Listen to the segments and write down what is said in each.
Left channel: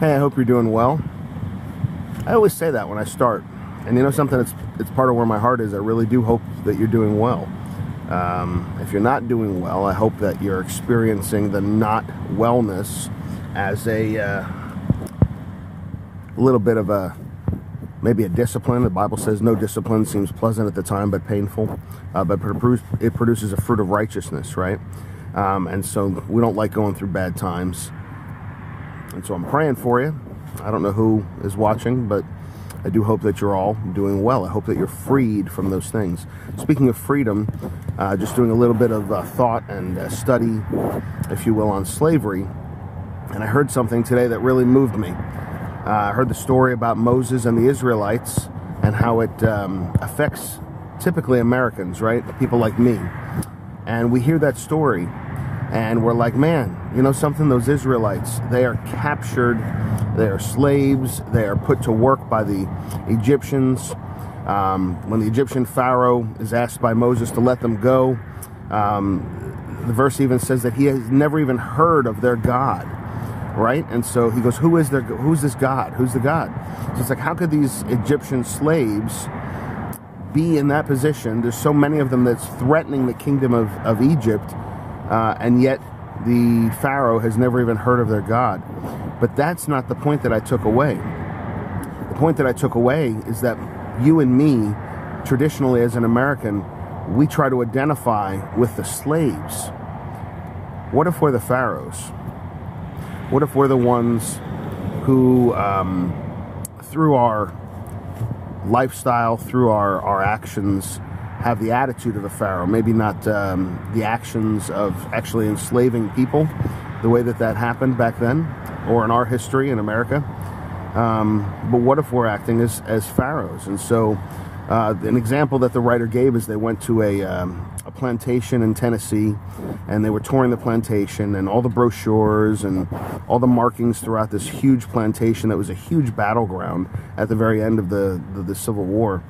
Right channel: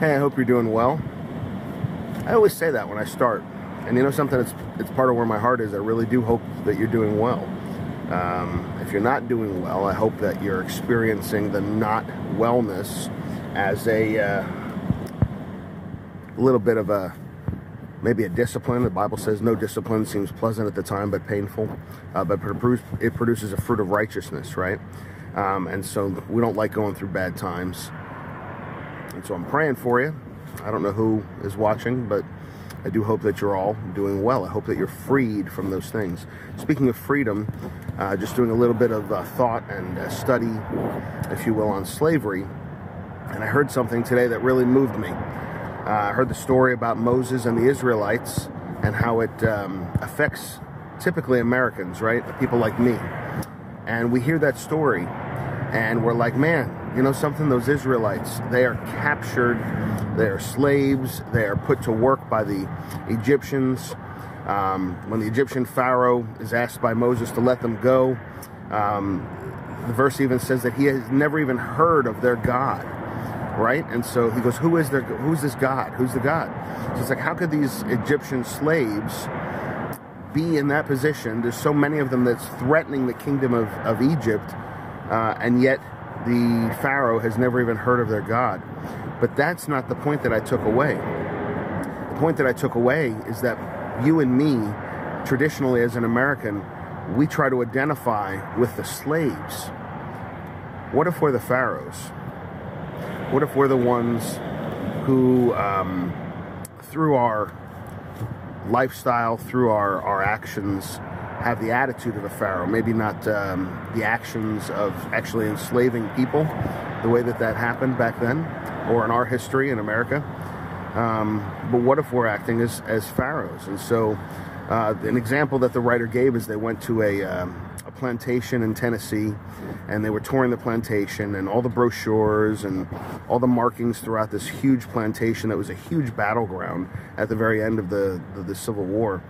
Hey, I hope you're doing well. I always say that when I start. And you know something, it's part of where my heart is. I really do hope that you're doing well. If you're not doing well, I hope that you're experiencing the not wellness as a little bit of maybe a discipline. The Bible says no discipline seems pleasant at the time, but painful. But it produces a fruit of righteousness, right? And so we don't like going through bad times. And so I'm praying for you. I don't know who is watching, but I do hope that you're all doing well. I hope that you're freed from those things. Speaking of freedom, just doing a little bit of thought and study, if you will, on slavery. And I heard something today that really moved me. I heard the story about Moses and the Israelites and how it affects typically Americans, right? People like me. And we hear that story and we're like, man, you know something? Those Israelites, they are captured, they are slaves, they are put to work by the Egyptians. When the Egyptian Pharaoh is asked by Moses to let them go, the verse even says that he has never even heard of their God, right? And so he goes, who's this God? Who's the God? So it's like, how could these Egyptian slaves be in that position? There's so many of them that's threatening the kingdom of Egypt, and yet the Pharaoh has never even heard of their God. But that's not the point that I took away. The point that I took away is that you and me, traditionally as an American, we try to identify with the slaves. What if we're the pharaohs? What if we're the ones who, through our lifestyle, through our actions, have the attitude of a pharaoh? Maybe not the actions of actually enslaving people, the way that happened back then, or in our history in America. But what if we're acting as pharaohs? And so an example that the writer gave is they went to a plantation in Tennessee, and they were touring the plantation, and all the brochures and all the markings throughout this huge plantation that was a huge battleground at the very end of the Civil War.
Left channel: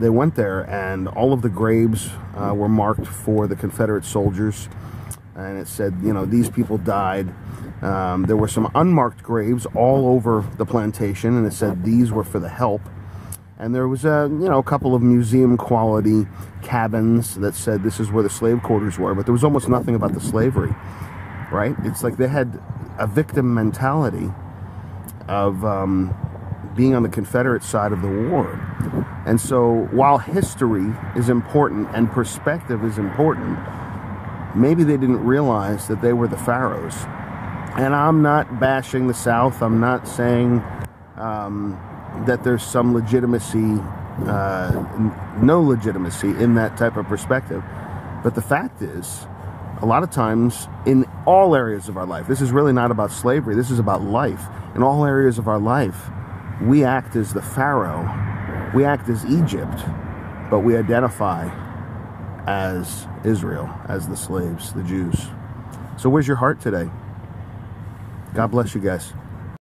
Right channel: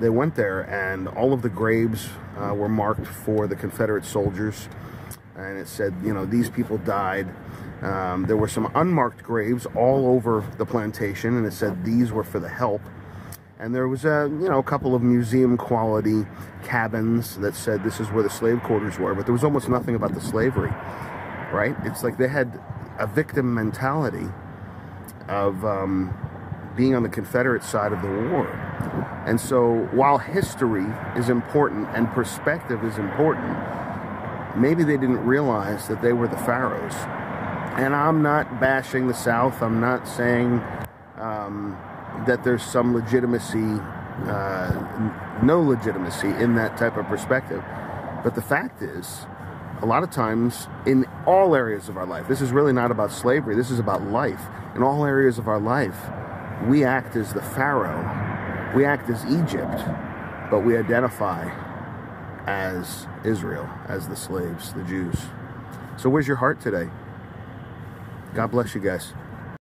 They went there, and all of the graves were marked for the Confederate soldiers, and it said, you know, these people died. There were some unmarked graves all over the plantation, and it said these were for the help. And there was a couple of museum quality cabins that said this is where the slave quarters were, but there was almost nothing about the slavery, right? It's like they had a victim mentality of being on the Confederate side of the war. And so while history is important and perspective is important, maybe they didn't realize that they were the pharaohs. And I'm not bashing the South. I'm not saying that there's some legitimacy, no legitimacy in that type of perspective. But the fact is, a lot of times in all areas of our life, this is really not about slavery, this is about life. In all areas of our life, we act as the Pharaoh, we act as Egypt, but we identify as Israel, as the slaves, the Jews. So where's your heart today? God bless you guys.